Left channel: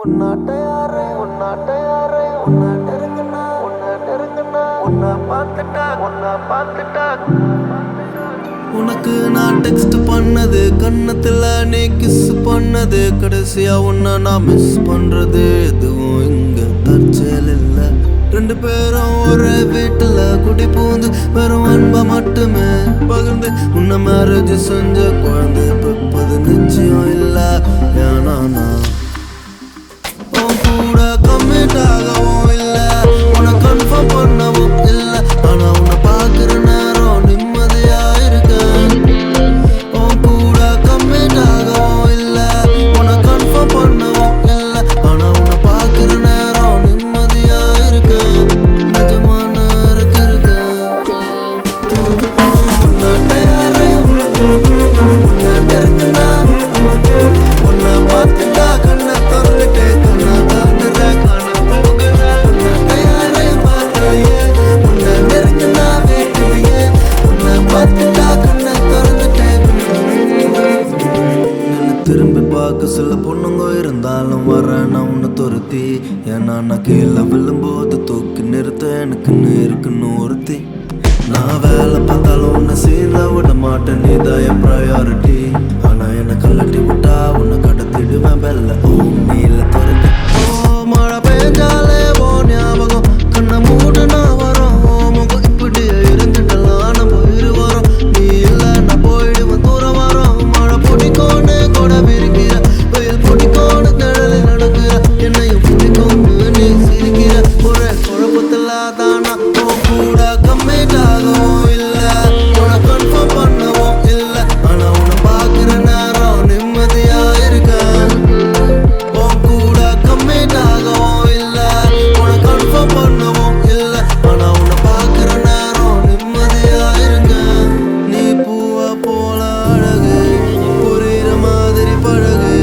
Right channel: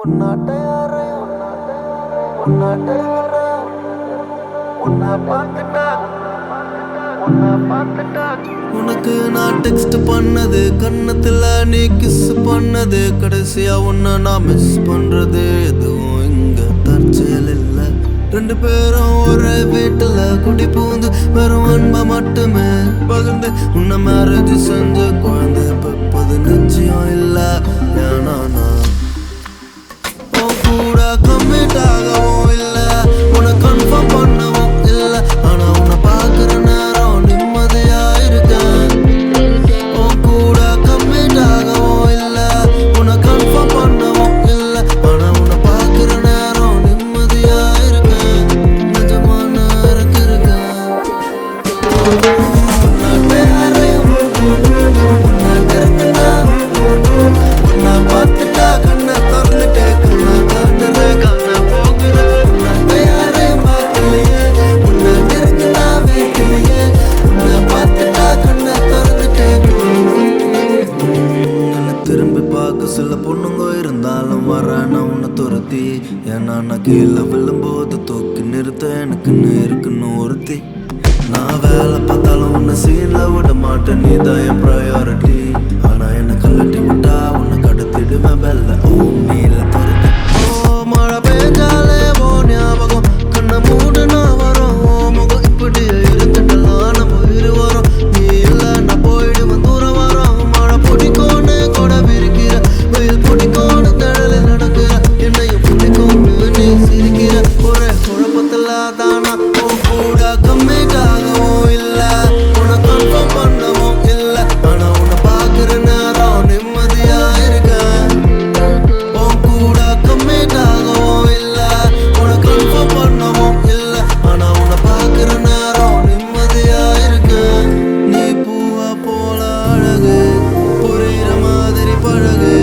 உன்னாட்ட யாரையும் உன்னாட்ட இருங்கண்ணா உன்னை பார்த்துட்டா உனக்கு நான் டெக்ஸ்ட் பண்ணது கண்ணத்துல நீ கிஸ் பண்ணது கடைசியா உன்னை நான் மிஸ் பண்றது எதுவும் இங்க தற்செயல் இல்ல ரெண்டு பேரும் ஒரே வீட்டுல குடி பூந்து வெறும் அன்பை மட்டுமே பகிர்ந்து உன்னை மேரேஜ் செஞ்ச குழந்தை பெப்பது நிச்சயம் இல்ல ஏன்னா நான் உன் கூட கம்மிட் ஆகவும் இல்ல உன்னை கன்ஃபார்ம் பண்ணவும் இல்ல ஆனா உன்னை பாக்குற நேரம் நிம்மதியா இருக்கேன் உன் கூட கம்மிட் ஆகவும் இல்ல உன்னை கன்ஃபார்ம் பண்ணவும் இல்ல ஆனா உன்னை பாக்குற நேரம் நிம்மதியா இருக்கேன் நிஜமான இருக்கேன் உன்னாட்ட யாரையும் உன்னை நெருங்கினா உன்னை பார்த்துட்டா கண்ணை திறந்துட்டு கண்ணா காணுற காண போகுற உன்னாட்ட யாரையும் பார்க்கலையே உன்னை நெருங்கினா வேட்டுதையே உன்னை பார்த்துட்டா கண்ணை திறந்துட்டு என்ன திரும்பி பார்க்க சில பொண்ணுங்க இருந்தாலும் வரேன் நான் உன்னை துரத்தி ஏன்னா நான் கீழே விழும்போது தூக்கி நிறுத்த எனக்குன்னு இருக்குன்னு ஒருத்தி நான் வேலை பார்த்தாலும் உன்னை சீன்ல விட மாட்டேன் நீதான் என் ப்ரையாரிட்டி ஆனா என்ன கலட்டி விட்டா உன்னை கடத்திடுவேன் பெல்ல ஓம் நீல துரத்தி ஓ மழை பெஞ்சாலே ஓ ஞாபகம் கண்ணை மூடு நான் வரோம் ஓ முகம் இப்படியே இருந்துட்டலாம் நம்ம இரு வரோம் நீ இல்ல நான் போயிடுவேன் தூரம் வரோம் மழை பிடிக்கும்னு கூட விரிக்கிற வெயில் பிடிக்கும்னு நிழலில் நடக்கிற என்னையும் பிடிக்கும்னு நீ சிரிக்கிற ஒரே குழப்பத்துல தானா உன் கூட கம்மிட் ஆகவும் இல்ல உன்னை கன்ஃபார்ம் பண்ணவும் இல்ல ஆனா உன்னை பாக்குற நேரம் நிம்மதியா இருக்க உன் கூட கம்மிட் ஆகவும் இல்ல உன்னை கன்ஃபார்ம் பண்ணவும் இல்ல ஆனா உன்னை பாக்குற நேரம் நிம்மதியா இருக்க நீ பூவா போல அழகு புரியுற மாதிரி பழகு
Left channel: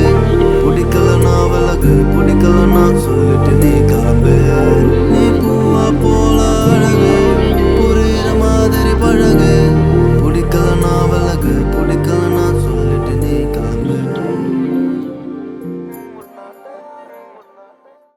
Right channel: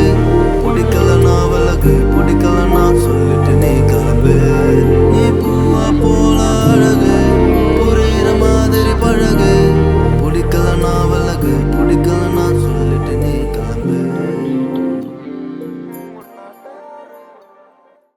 பிடிக்கலனா விலகு பிடிக்கலனா சொல்லிட்டு நீ கிளம்பு நீ பூவா போல அழகு புரியுற மாதிரி பழகு பிடிக்கலனா விலகு பிடிக்கலனா சொல்லிட்டு நீ கிளம்பு